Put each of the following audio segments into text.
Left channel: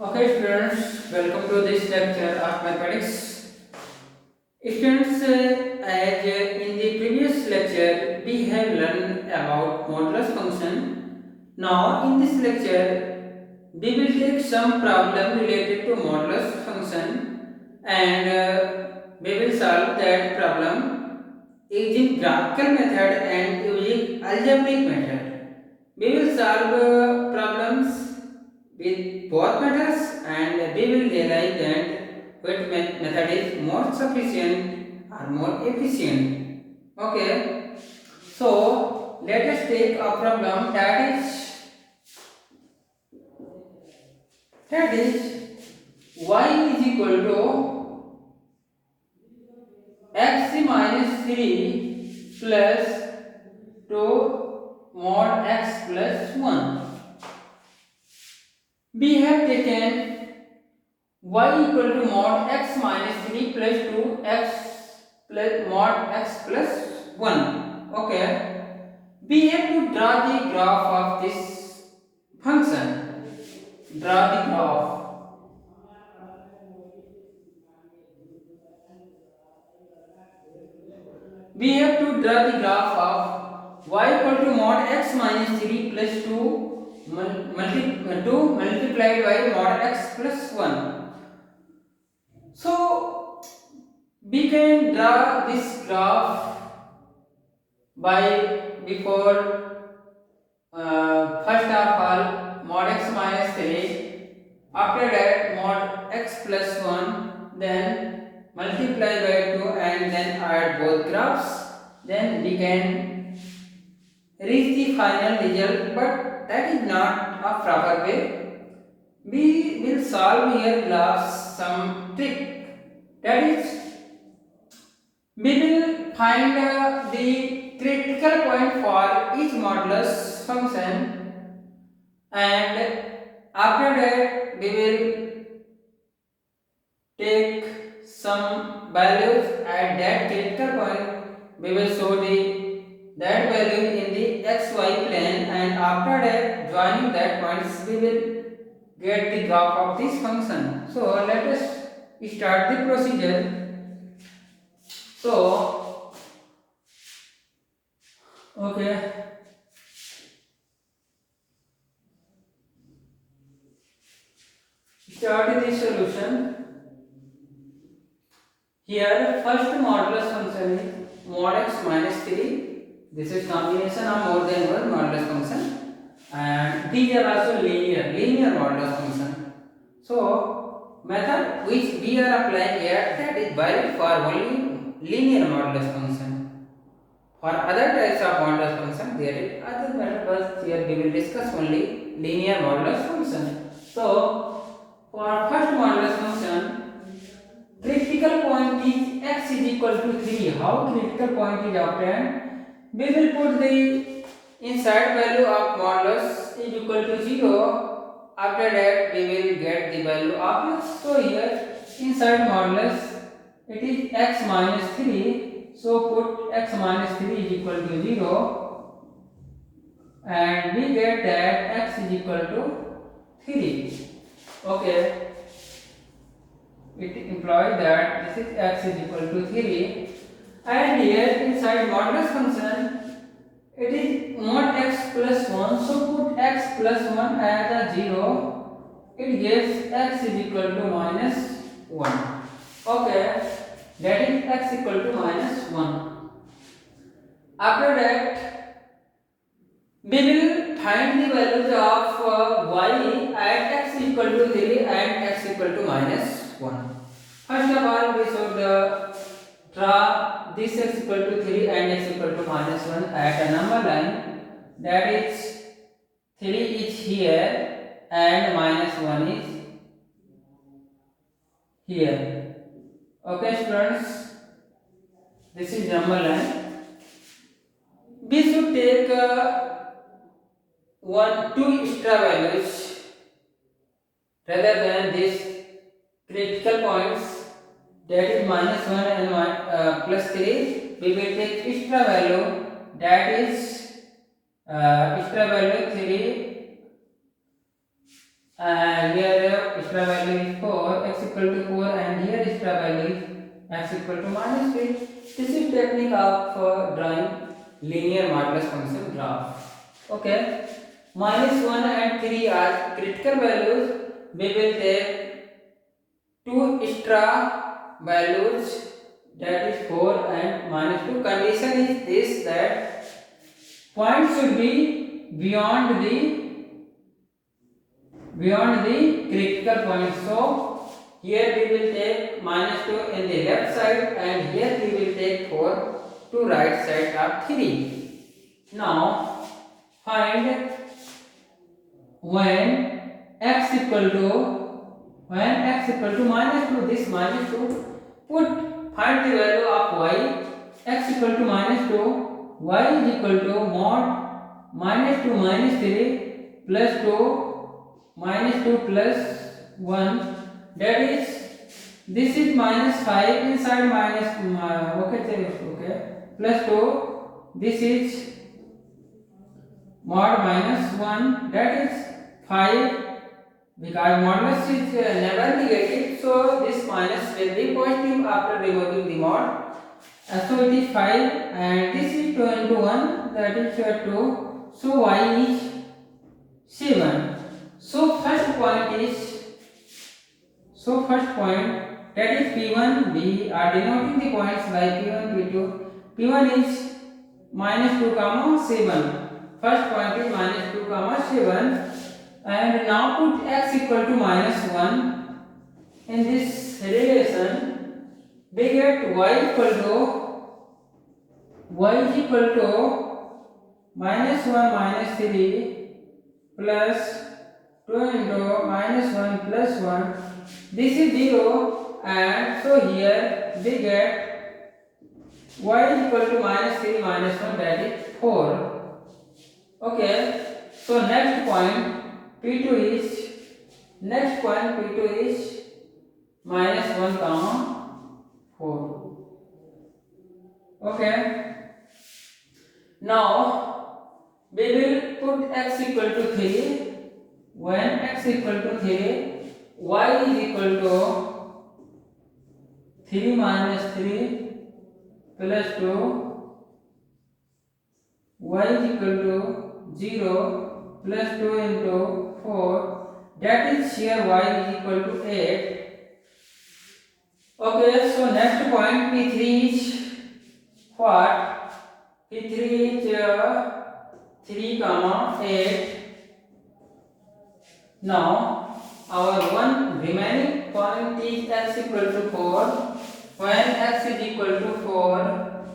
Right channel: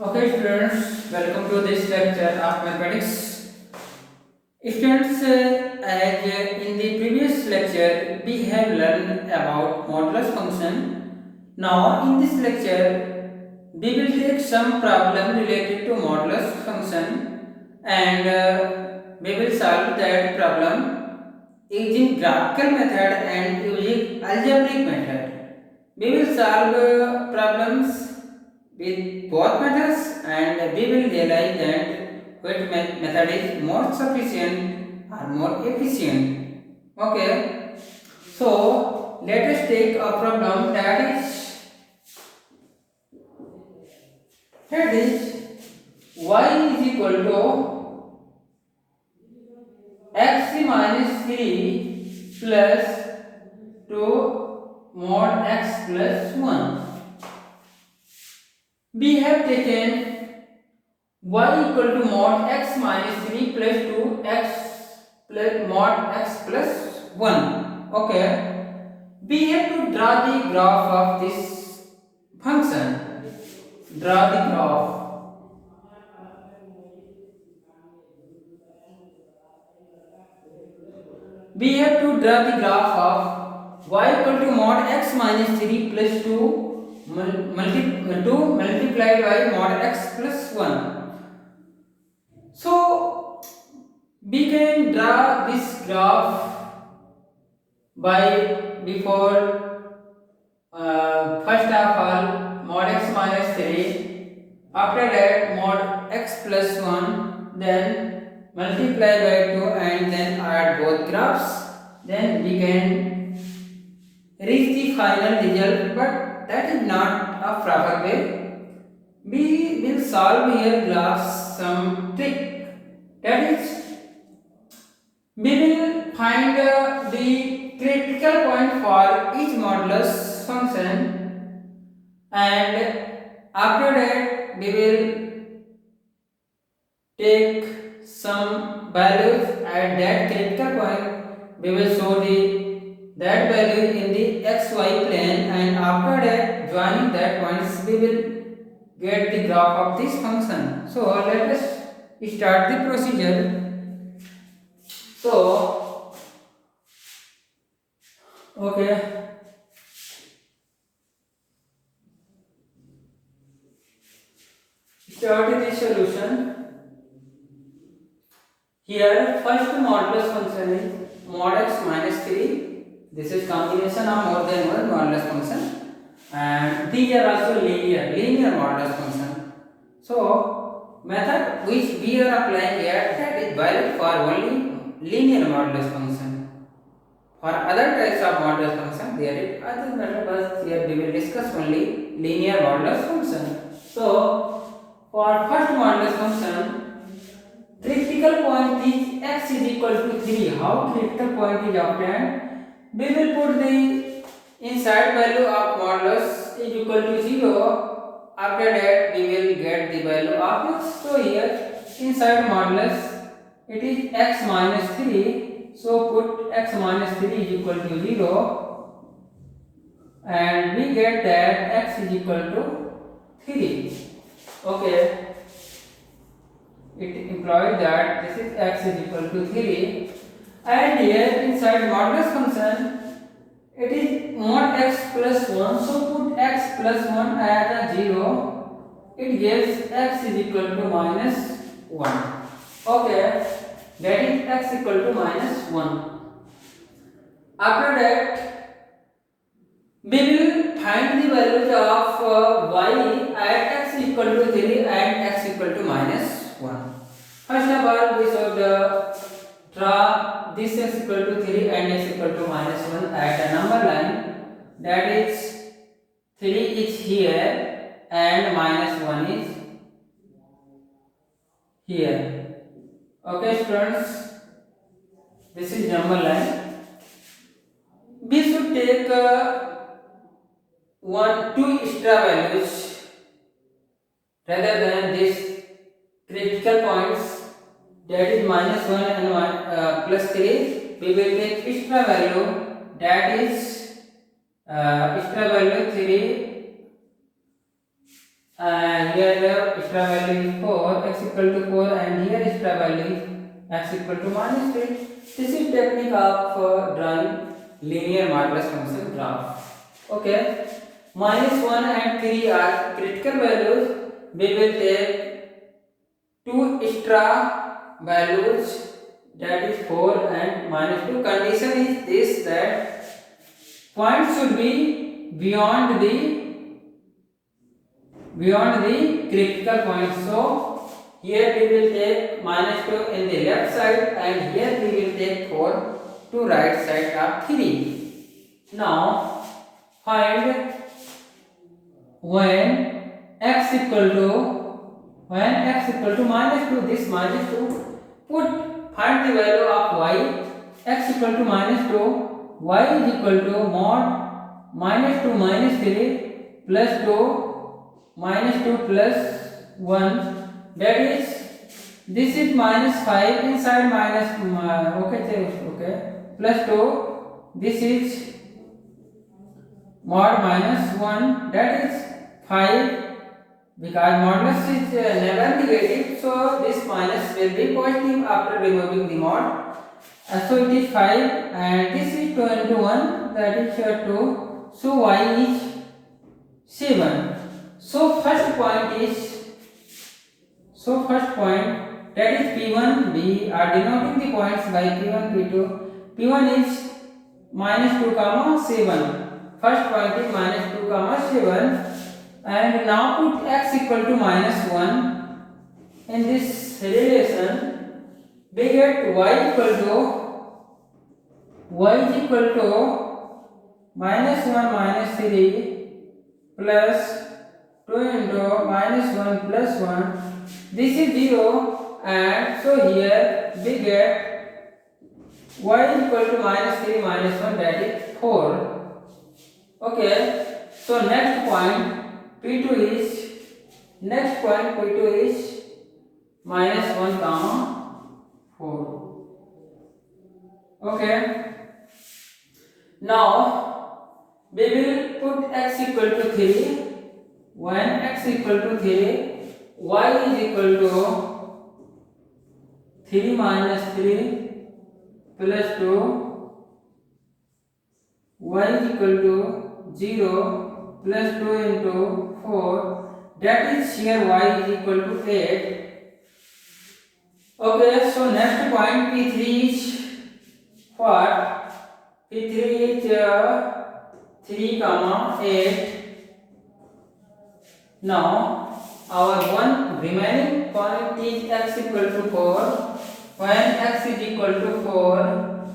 Okay, students, welcome to this lecture of mathematics. Students, as in the previous lecture, we have learned about modulus function. Now, in this lecture, we will take some problem related to modulus function and we will solve that problem using graphical method and using algebraic method. We will solve problems with both methods and we will realize that which method is more sufficient or more efficient. Okay, so let us take a problem that is y is equal to x minus 3 plus 2 mod x plus 1. We have taken y equal to mod x minus 3 plus 2 x plus mod x plus 1. Okay, we have to draw the graph of this function. Draw the graph. We have to draw the graph of y equal to mod x minus 3 plus 2 multiplied by mod x plus 1. So we can draw this graph by before first of all mod x minus 3, after that mod x plus 1, then multiply by 2 and then add both graphs, then we can reach the final result, but that is not a proper way. We will solve here graphs some trick, that is we will find the critical point for each modulus function and after that we will take some values at that critical point. We will show the that value in the xy plane and after that joining that points we will get the graph of this function. So let us start the procedure. So, okay, start the solution. Here, first modulus function is mod x minus 3. This is combination of more than one modulus function, and these are also linear modulus function. So, method which we are applying here, that is valid for only linear modulus function. For other types of modulus function, there is other method, but here we will discuss only linear modulus function. So, for first modulus function, critical point is x is equal to 3. How critical point is obtained? We will put the inside value of modulus is equal to 0. After that, we will get the value of x. So here, inside modulus, it is x minus 3. So put x minus 3 is equal to 0. And we get that x is equal to 3. Okay. It implies that this is x is equal to 3 and here inside modulus function it is mod x plus 1, so put x plus 1 as a 0, it gives x is equal to minus 1. Okay, that is x equal to minus 1. After that we will find the values of y at x equal to 3 and x equal to minus 1. First of all, we should draw this x equal to 3 and x equal to minus 1 at a number line, that is 3 is here and minus 1 is here. Okay students, this is number line. We should take two extra values rather than these critical points, that is minus 1 and plus 3. We will take extra value, that is extra value 3 here extra value is 4, x equal to 4, and here extra value is x equal to minus 3. This is technique of drawing linear modulus function graph. Okay, minus 1 and 3 are critical values. We will take two extra values, that is 4 and minus 2. Condition is this, that point should be beyond the critical point. So here we will take minus 2 in the left side, and here we will take 4 to right side of 3. Now find when x equal to minus 2, this minus 2, find the value of y. X equal to minus 2, y is equal to mod minus 2 minus 3 plus 2 minus 2 plus 1, that is, this is minus 5 inside minus plus 2, this is mod minus 1, that is 5, because modulus is never negative, so this minus will be positive after removing the mod. So it is 5, and this is 2 into 1, that is 2, so y is 7. So first point, that is P1, we are denoting the points by P1, P2. P1 is minus 2 comma 7. First point is minus 2 comma 7, and now put x equal to minus 1 in this relation. We get y is equal to minus 1 minus 3 plus 2 into minus 1 plus 1. This is 0, and so here we get y is equal to minus 3 minus 1, that is 4. Okay, so next point P2 is minus 1 comma 4. Okay, now we will put x equal to 3. When x equal to 3, y is equal to 3 minus 3 plus 2, y is equal to 0 plus 2 into 4, that is here y is equal to 8. Okay, so next point P3 is what? P3 is 3 comma 8. Now our one remaining point is x equal to 4. When x is equal to 4,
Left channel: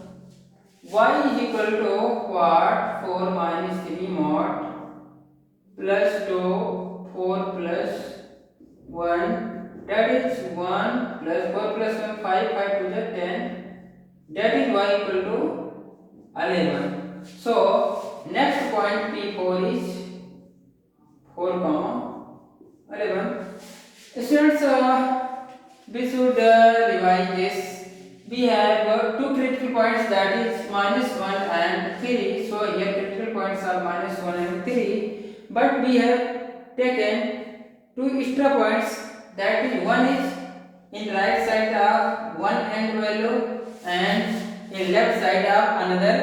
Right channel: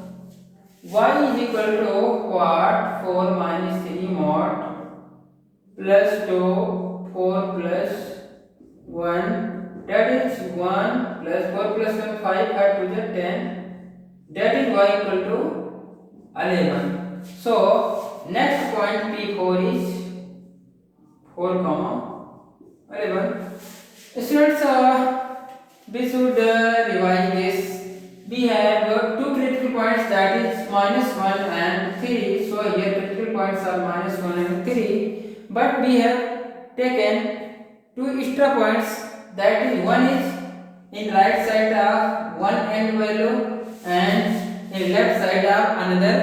y is equal to what? 4 minus 3 mod plus 2, 4 plus 1, that is 1 plus 4 plus 1, 5 to the 10, that is y equal to 11. So next point P4 is 4 comma 11. Students, we should revise this. We have two critical points, that is minus 1 and 3. So here critical points are minus 1 and 3. But we have taken two extra points, that is one is in right side of one end value and in left side of another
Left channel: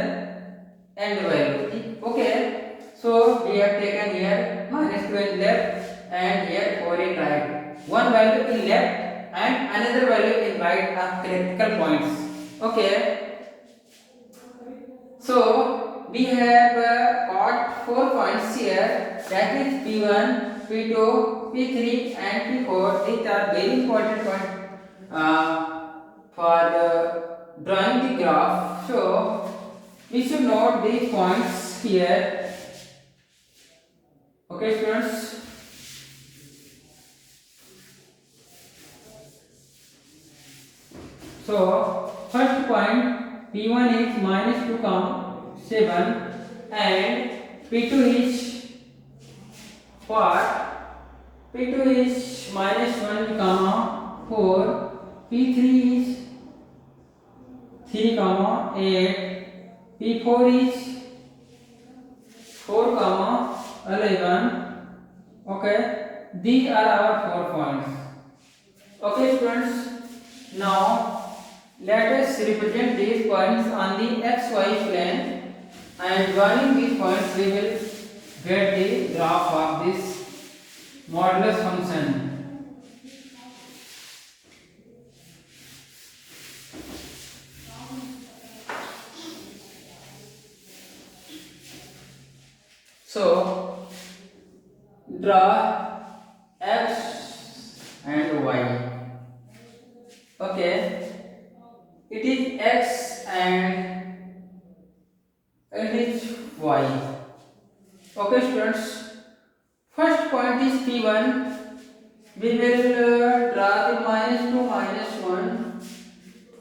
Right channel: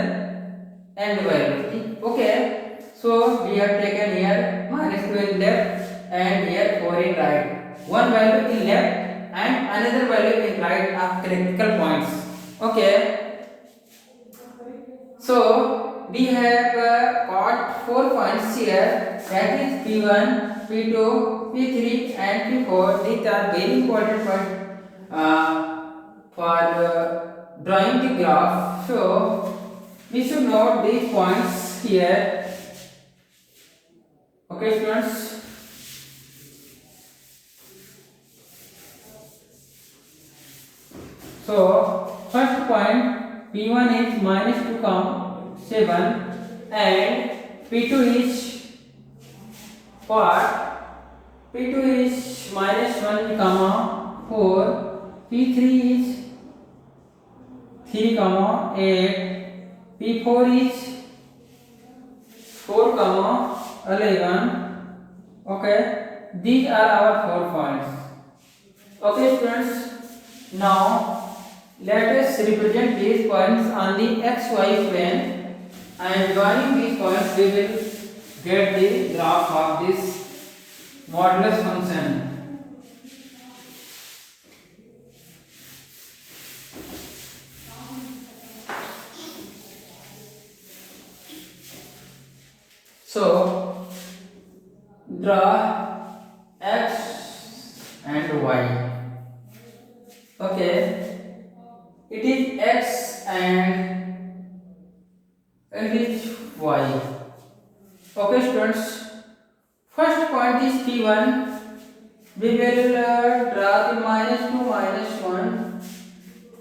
end value. Okay, so we have taken here minus 2 in left and here 4 in right. One value in left and another value in right of critical points. Okay, so we have got 4 points here, that is P1, P2, P3 and P4. These are very important points for drawing the graph. So we should note these points here. Okay, students. So first point P1 is minus 2 comma 7 and P2 is what? P2 is minus 1 comma 4, P3 is 3 comma 8, P4 is 4 comma 11. Okay, these are our 4 points. Okay students, now let us represent these points on the xy plane, and joining these points we will get the graph of this modulus function. So draw x and y. Okay, it is x and it is y. Okay students, first point is P1. We will draw the -2 -1.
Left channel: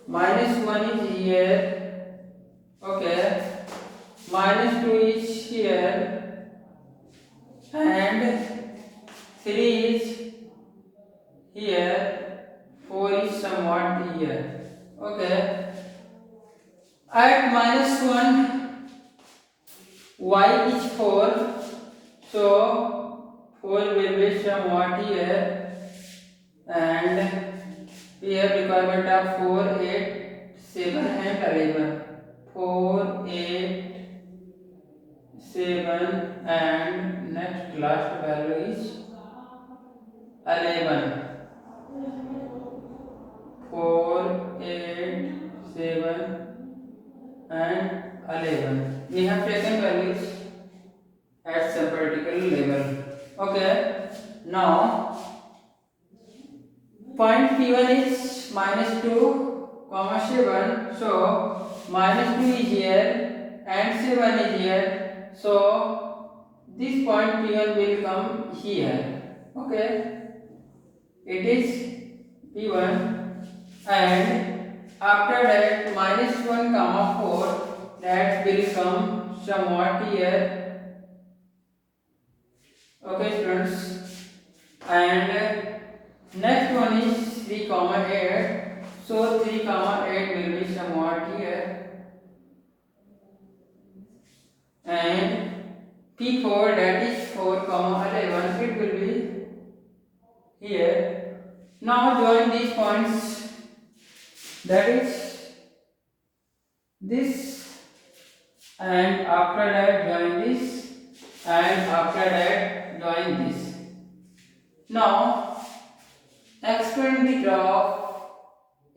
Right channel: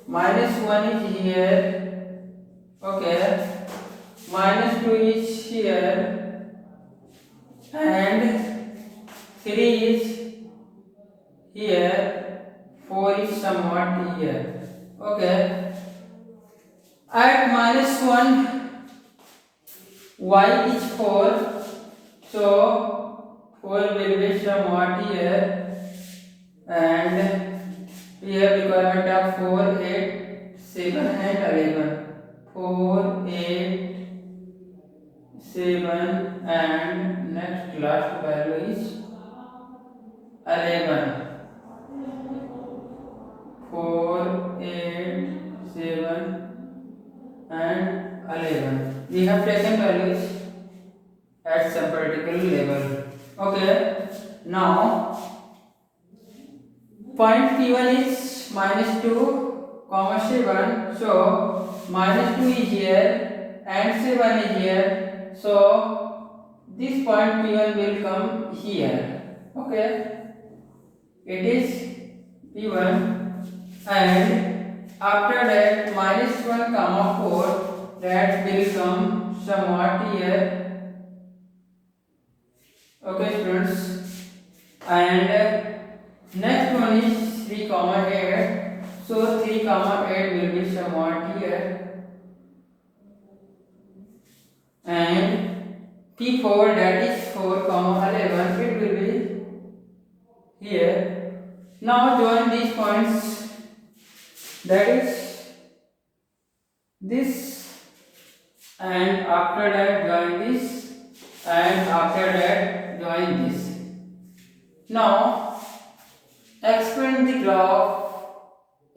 -1 is here. Okay, -2 is here, and 3 is here, 4 is somewhat here. Okay, at -1 y is 4, so 4 will be somewhat here, and here requirement of 4, 8, 7 and 11. 4, 8, 7 and next last value is 11. 4, 8, 7 and 11. We have taken values at some particular level. Okay. Now point P1 is -2, 7. So -2 is here and 7 is here. So this point P1 will come here. Okay. It is P1, and after that -1, 4, that will come somewhat here. Okay students, and next one is 3, 8. So 3, 8 will be somewhat here, and P4, that is 4, 11, it will be here. Now join these points, that is this, and after that join this, and after that join this. Now extend the graph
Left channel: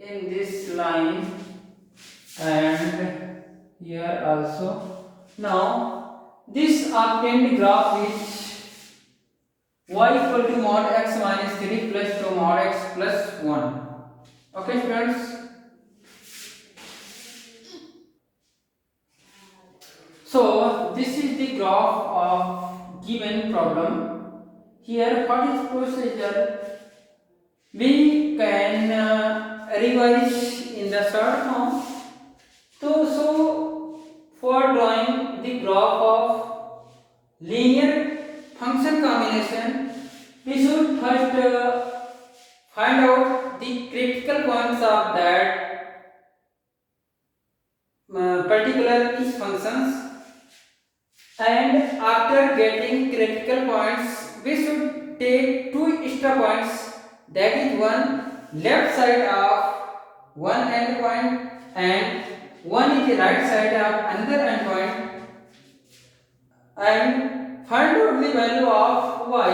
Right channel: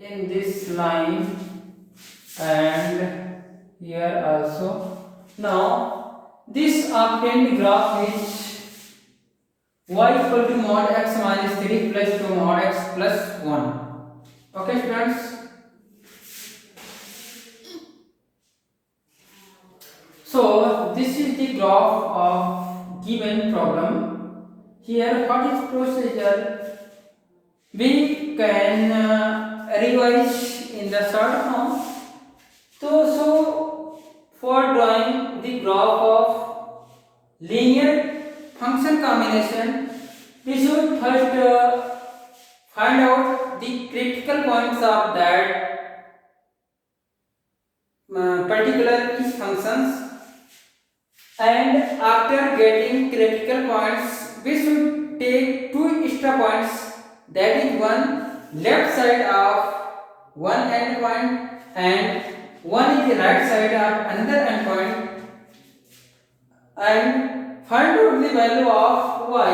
in this line and here also. Now this obtained graph is y equal to mod x minus 3 plus 2 mod x plus 1. Okay students, so this is the graph of given problem. Here what is procedure? We can revise in the short form. So for drawing the graph of linear function combination, we should first find out the critical points of that particular each functions, and after getting critical points we should take two extra points, that is one left side of one endpoint and one is the right side of another endpoint, and find out the value of y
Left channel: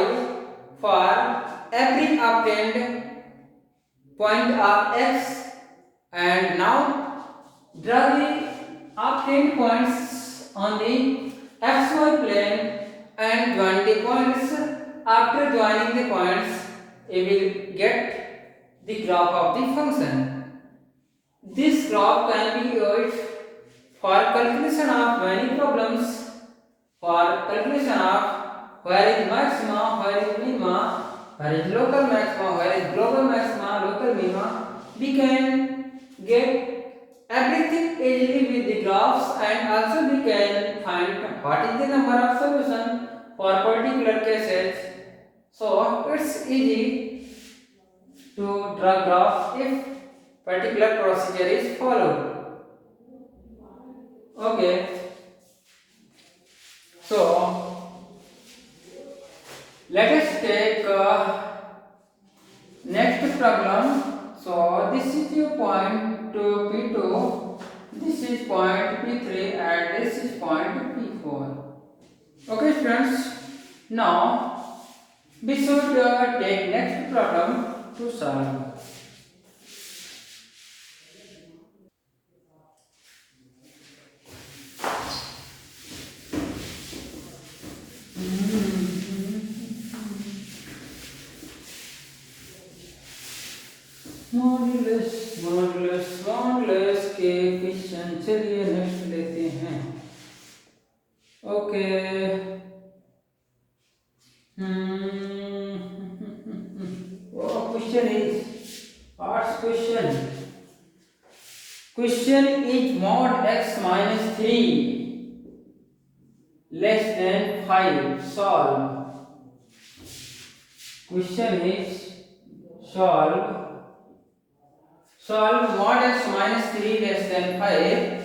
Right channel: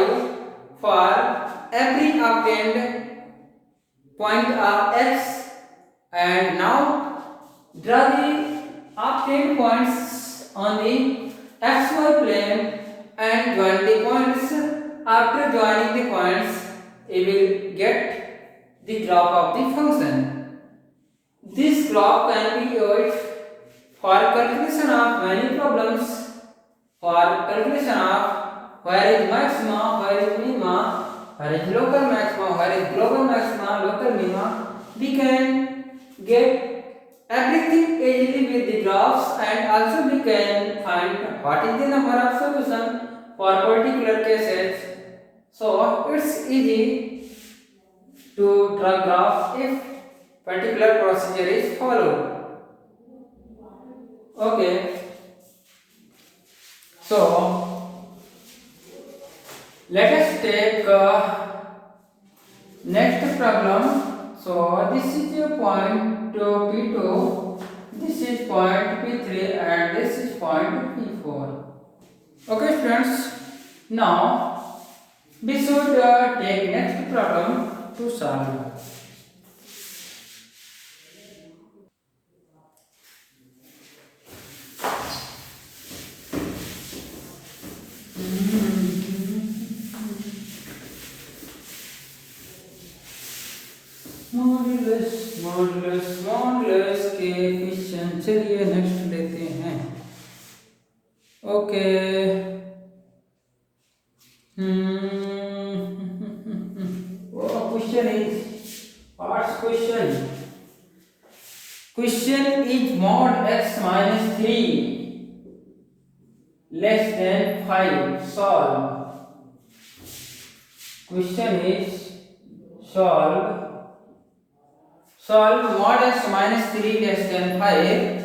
for every obtained point of x, and now draw the obtained points on the xy plane and join the points. After joining the points, you will get the graph of the function. This graph can be used for calculation of many problems, for calculation of where is maxima, where is minima, where is local maxima, where is global maxima, local minima. We can get everything easily with the graphs, and also we can find what is the number of solution for particular cases. So it's easy to draw graphs if particular procedure is followed. Okay, so let us take next problem. So this is your point P2, this is point P3, and this is point P4. Okay students, now we should take next problem to solve. Modulus के question, चलिए next लेते हैं. Okay. Question is arts question. Question is mod x minus 3 less than 5. Solve. Question is solve mod x minus 3 less than 5.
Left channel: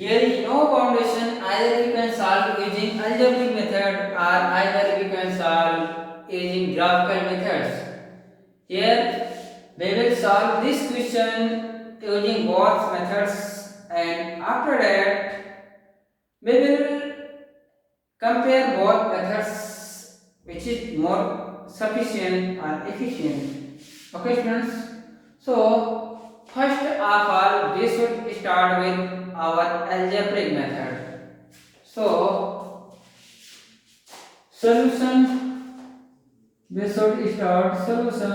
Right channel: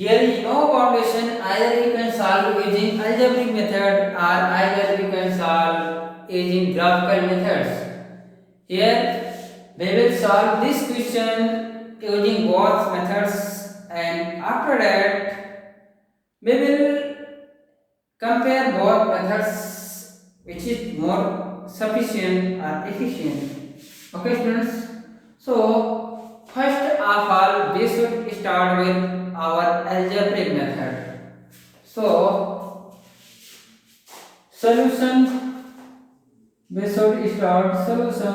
Here is no boundation. Either you can solve using algebraic method or either you can solve using graphical methods. Here we will solve this question using both methods, and after that we will compare both methods which is more sufficient or efficient. Okay students, so first of all we should start with our algebraic method. So solution, we should start solution.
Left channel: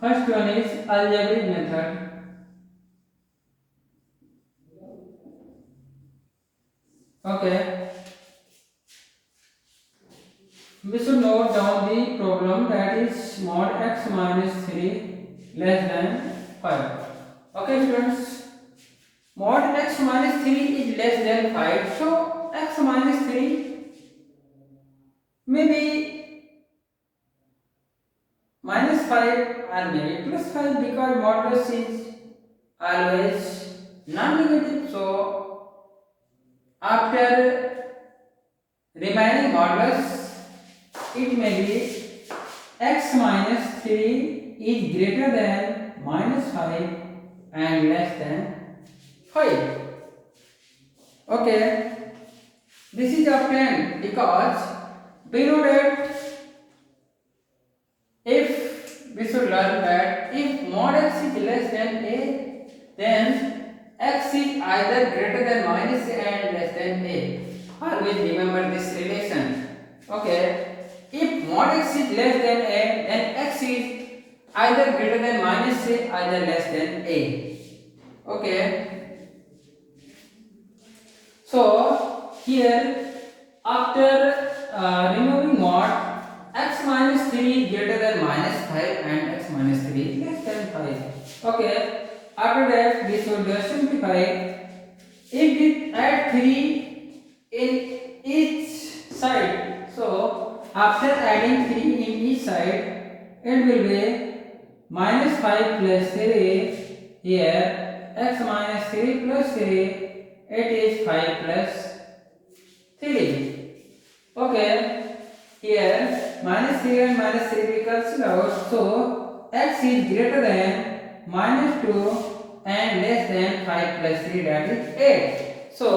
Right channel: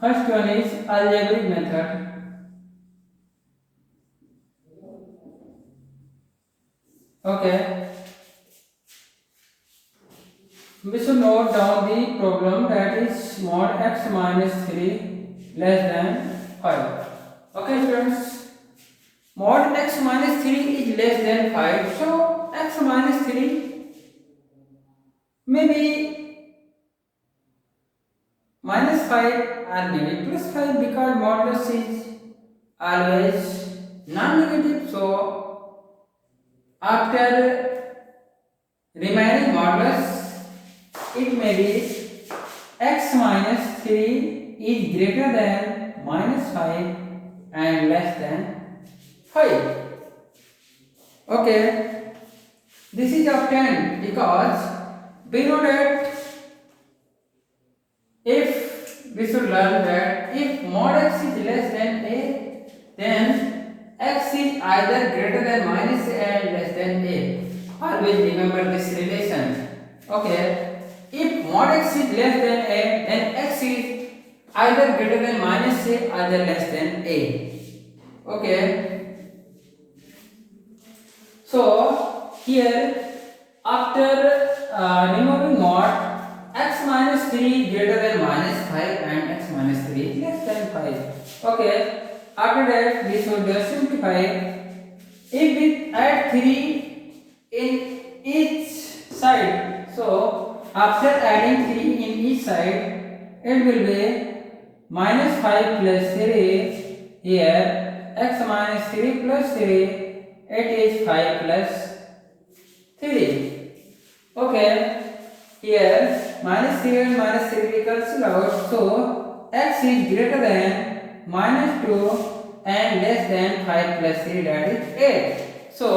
First one is algebraic method. Okay, we should note down the problem, that is mod x minus 3 less than 5. Okay students, mod x minus 3 is less than 5, so x minus 3 may be minus 5 or maybe plus 5, because modulus is always non-negative. So after remaining modulus, it may be x minus 3 is greater than minus 5 and less than 5. Okay, this is obtained because we know that if we should learn that if mod x is less than a, then x is either greater than minus a and less than a. Always remember this relation. Okay, if mod x is less than a, then x is either greater than minus a or less than a. Okay, so here after removing mod, x minus 3 greater than minus 5 and x minus 3 less than 5. Okay, after that we should simplify. If we add 3 in each side, so after adding 3 in each side, it will be minus 5 plus 3. Here x minus 3 plus 3, it is 5 plus 3. Okay, here minus 3 and minus 3 we cancel out, so x is greater than minus 2 and less than 5 plus 3, that is 8. So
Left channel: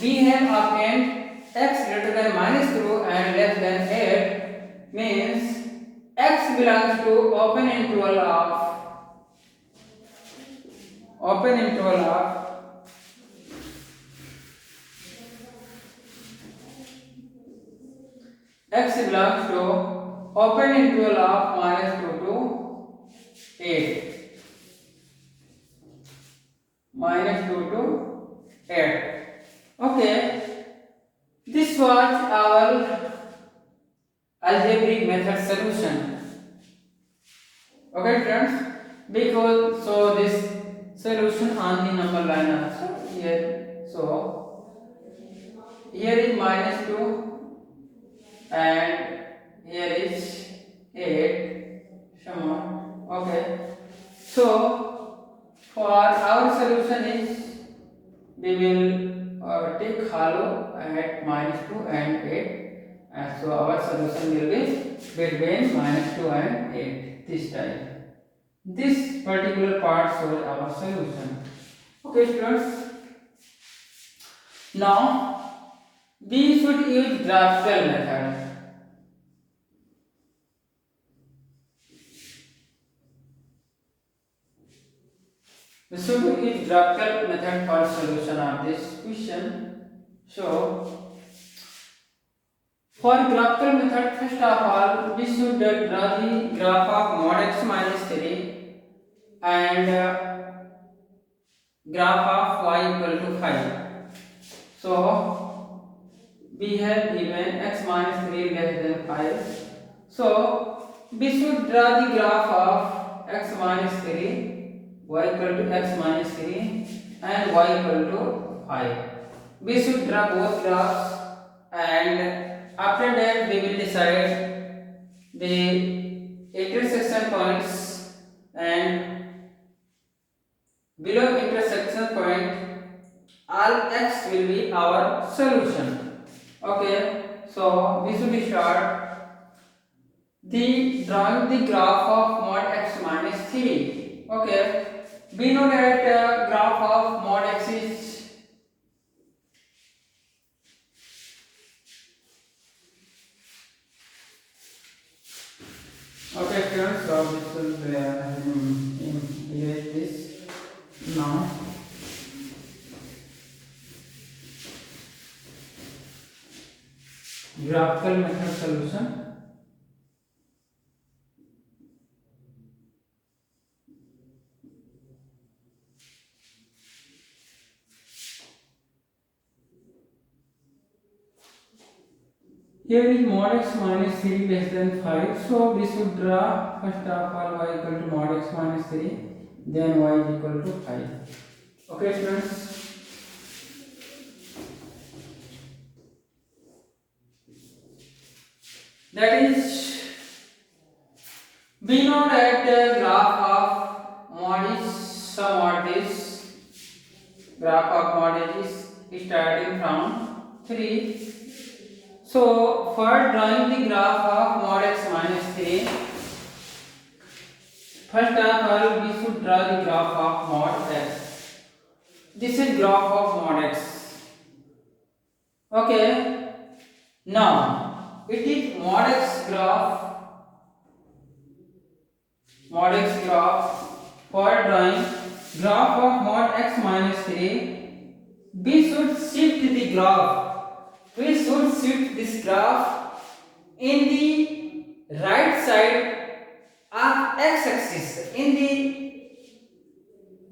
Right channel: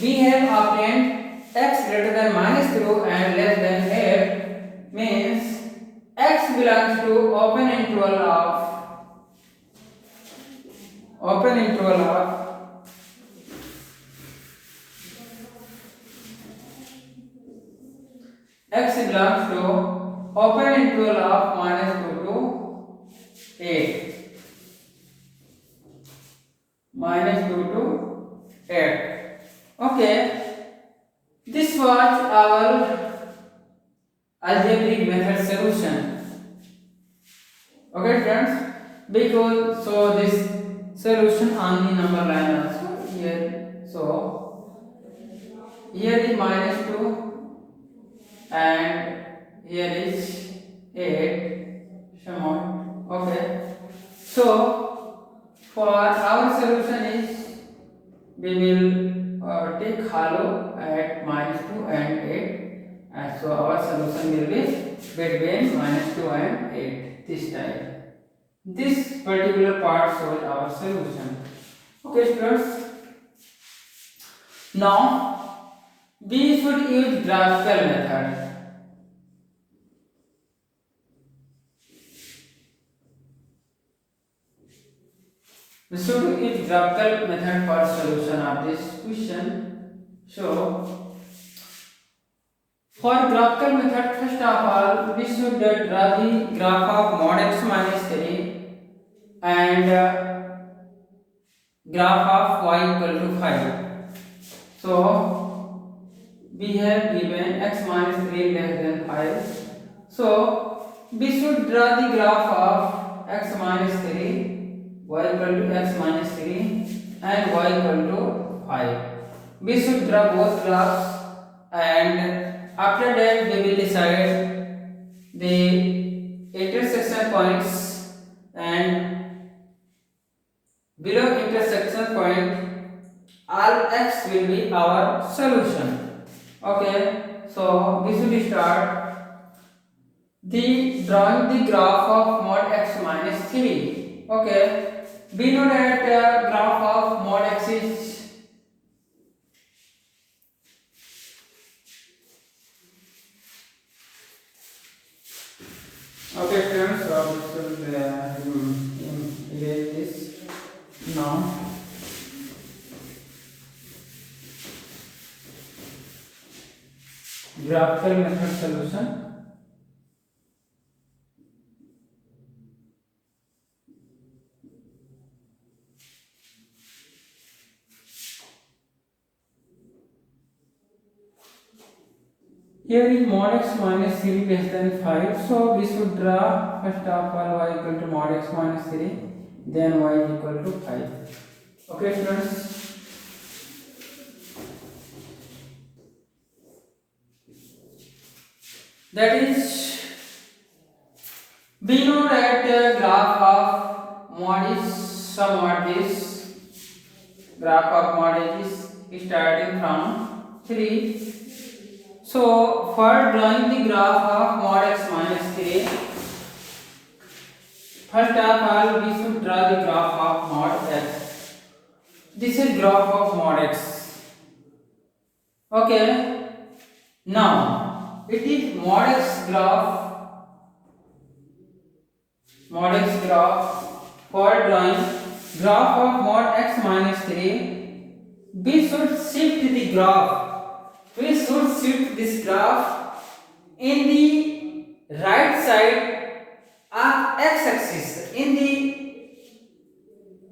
we have obtained x greater than minus 2 and less than 8, means x belongs to open interval of x belongs to open interval of minus 2 to 8. Minus 2 to 8. Okay, this was our algebraic method solution. Okay friends, because so this solution on the number line also here. So here is minus 2 and here is 8 somewhat. Okay, so for our solution is we will take hollow at minus 2 and 8, and so our solution will be between -2 and 8, this type. This particular part shows our solution. Okay students, now we should use graphical method. We should use graphical method for solution of this question. So for graphical method, first of all, we should draw the graph of mod x minus 3 and graph of y equal to 5. So we have given x minus 3 less than 5. So we should draw the graph of x minus 3, y equal to x minus 3 and y equal to 5. We should draw both graphs, and after that we will decide the intersection points, and below intersection point all x will be our solution. Okay, so we should start the drawing the graph of mod x minus 3. Okay, we know that graph of mod x is okay students, so we should erase this now. Graphical method solution. Here is mod x minus 3 less than 5, so we should draw first of all y equal to mod x minus 3, then y is equal to 5. Okay students, that is, we know that graph of mod is somewhat this. Graph of mod is starting from 3. So for drawing the graph of mod x minus 3, first of all we should draw the graph of mod x. This is graph of mod x. Okay, now it is mod x graph. Mod x graph. For drawing graph of mod x minus 3, we should shift the graph. We should shift this graph in the right side of x-axis. In the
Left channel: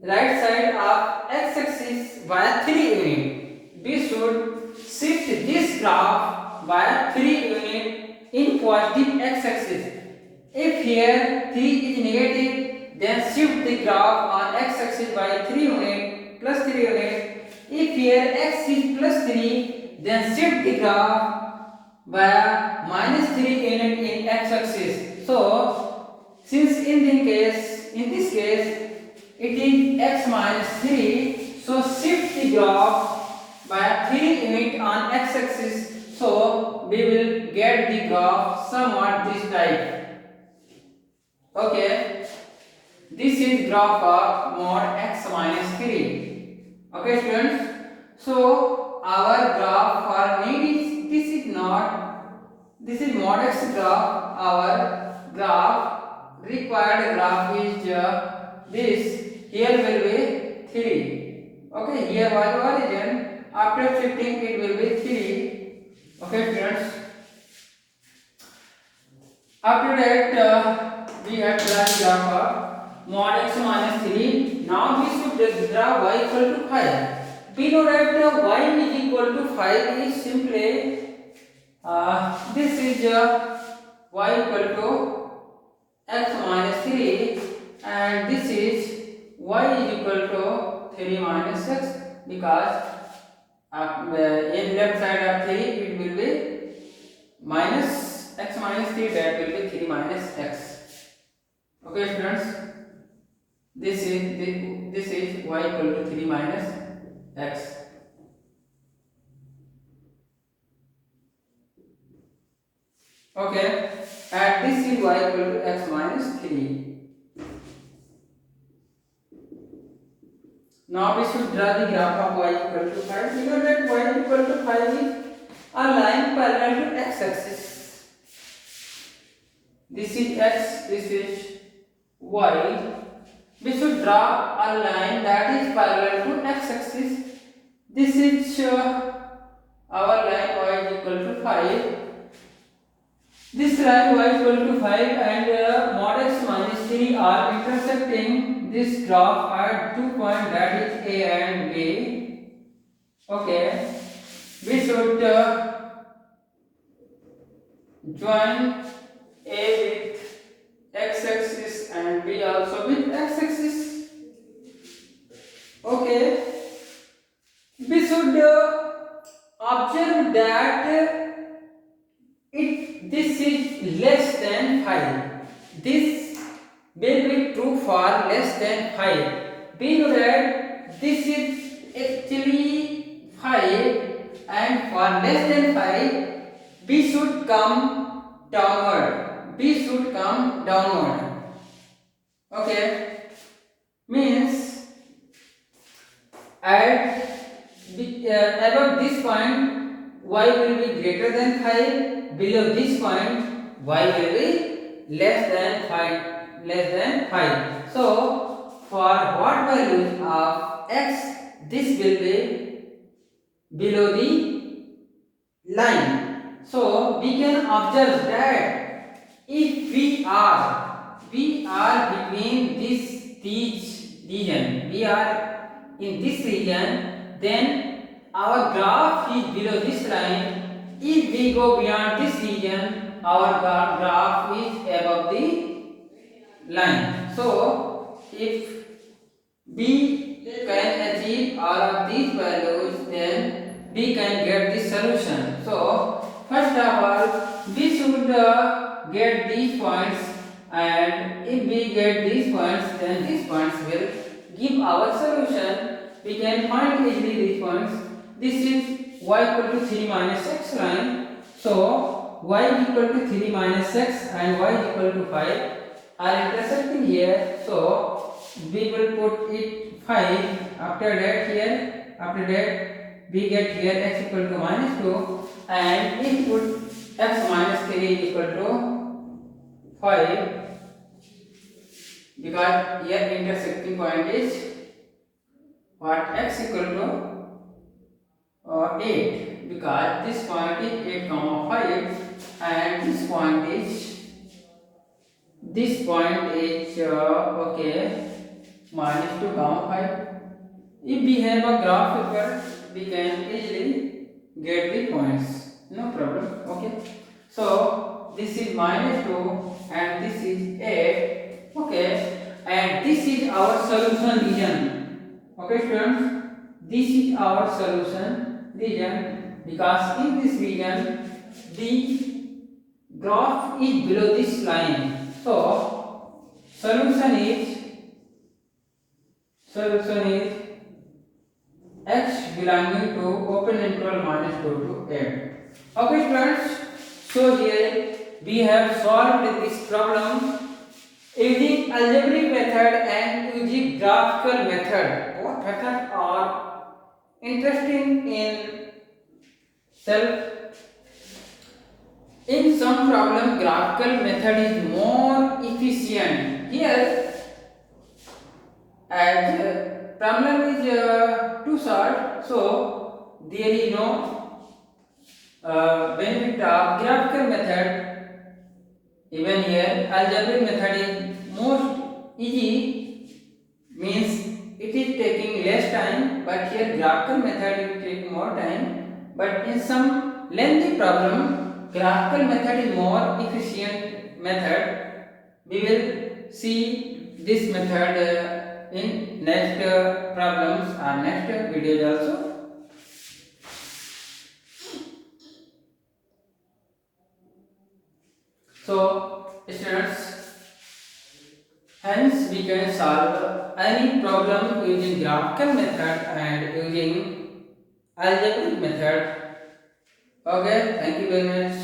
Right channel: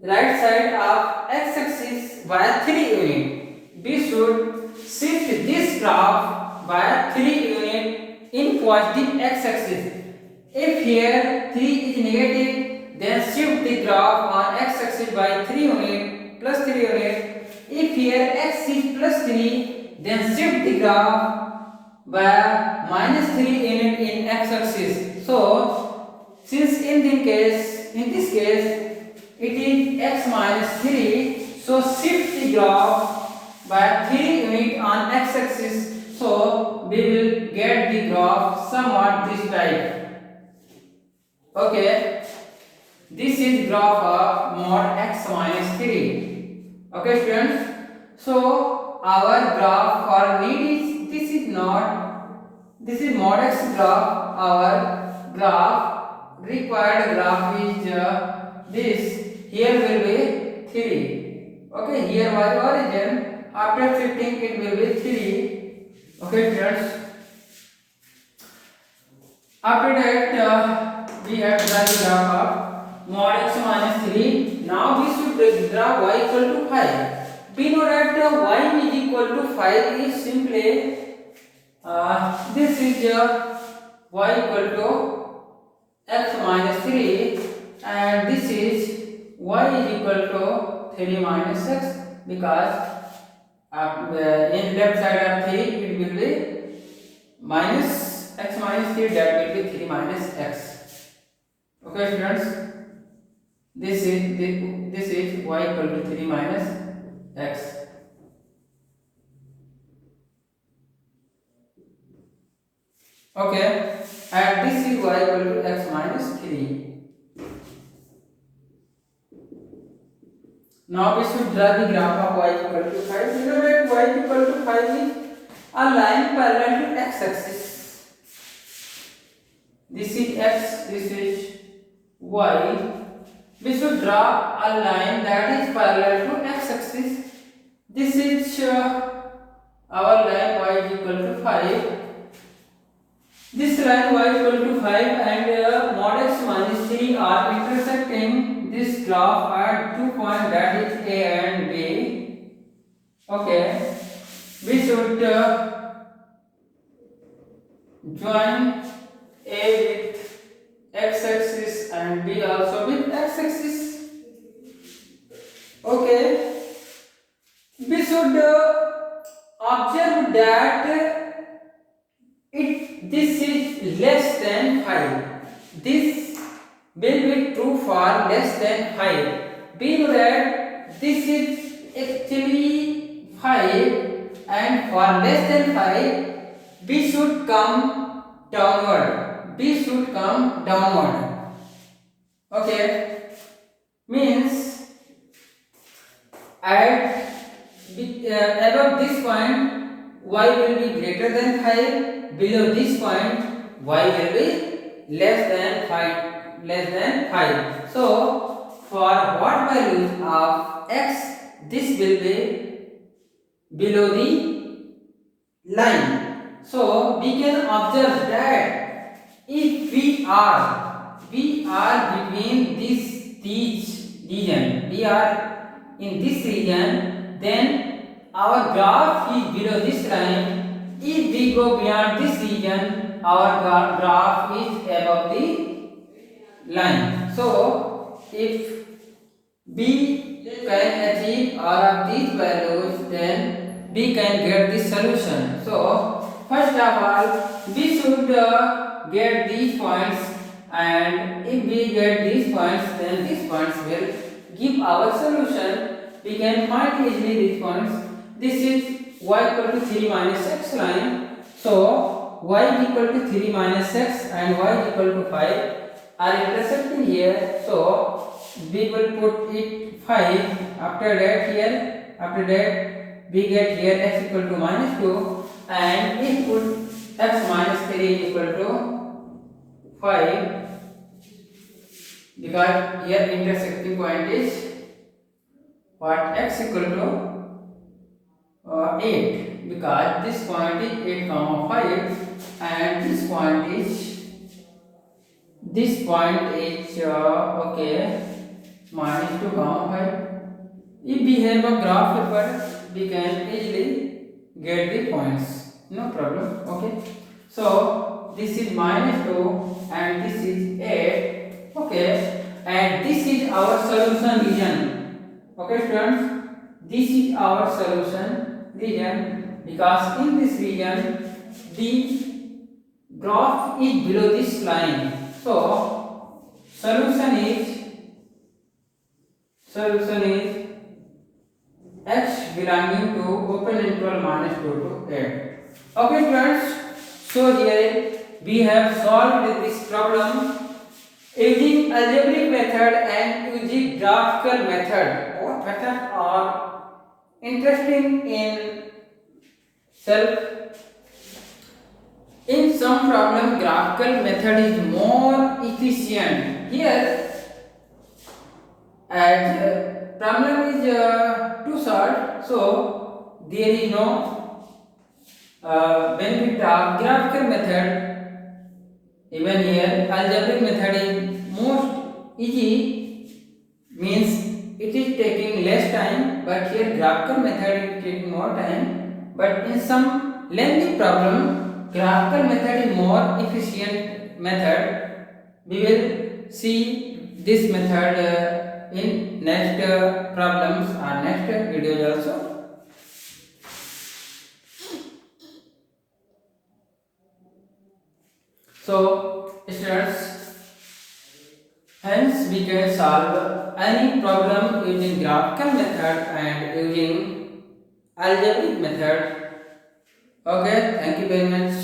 right side of x-axis by 3 unit. We should shift this graph by 3 unit in positive x-axis. If here 3 is negative, then shift the graph on x-axis by 3 unit plus 3 unit. If here x is plus 3, then shift the graph by minus 3 unit in x-axis. So since in this case it is x minus 3, so shift the graph by 3 unit on x-axis. So we will get the graph somewhat this type. Okay, this is graph of mod x minus 3. Okay students, so our graph for need is this is mod x graph. Our graph required graph is this. Here will be 3. Okay, here was origin. After shifting it will be 3. Okay students, after that we have drawn the graph of mod x minus 3. Now we should draw y equal to 5. We know that y is equal to 5 is simply this is y equal to x minus 3, and this is y is equal to 3 minus x, because in left side of 3 it will be minus x minus 3, that will be 3 minus x. Okay students, this is y equal to 3 minus x. Okay, and this is y equal to x minus 3. Now we should draw the graph of y equal to 5. We know that y equal to 5 is a line parallel to x axis. This is x, this is y. We should draw a line that is parallel to x axis. This is our line y is equal to 5. This line y is equal to 5 and mod x minus 3 are intersecting this graph at 2 points, that is A and B. Okay, we should join A with x axis and B also with x axis. Okay, we should observe that this is less than 5. This will be true for less than 5. We know that this is actually 5 and for less than 5 we should come downward. We should come downward. Okay, means at above this point y will be greater than 5, below this point y will be less than 5. So for what values of x, this will be below the line. So we can observe that if we are between these region, we are in this region, then our graph is below this line. If we go beyond this region, our graph is above the line. So if we can achieve all of these values, then we can get the solution. So first of all, we should get these points, and if we get these points, then these points will give our solution. We can find easily these points. This is y equal to 3 minus x line. So y equal to 3 minus x and y equal to 5 are intersecting here. So we will put it 5. After that we get here x equal to minus 2, and we put x minus 3 is equal to 5, because here intersecting point is what, x equal to 8, because this point is 8 comma 5 and this point is okay, minus 2 comma 5. If we have a graph paper, we can easily get the points, no problem. Okay, so this is minus 2 and this is 8. Okay, and this is our solution region. Okay students, this is our solution region, because in this region the graph is below this line. So solution is x belonging to open interval minus 2 to 8. Okay students, so here we have solved this problem using algebraic method and using graphical method. Both methods are interesting in self. In some problem, graphical method is more efficient. Here, as problem is too short, so there is no benefit of graphical method. Even here, algebraic method is most easy, means it is taking less time, but here graphical method is taking more time. But in some lengthy problem, graphical method is more efficient method. We will see this method in next problems or next videos also. So students, hence we can solve any problem using graphical method and using algebraic method. Okay, thank you very much.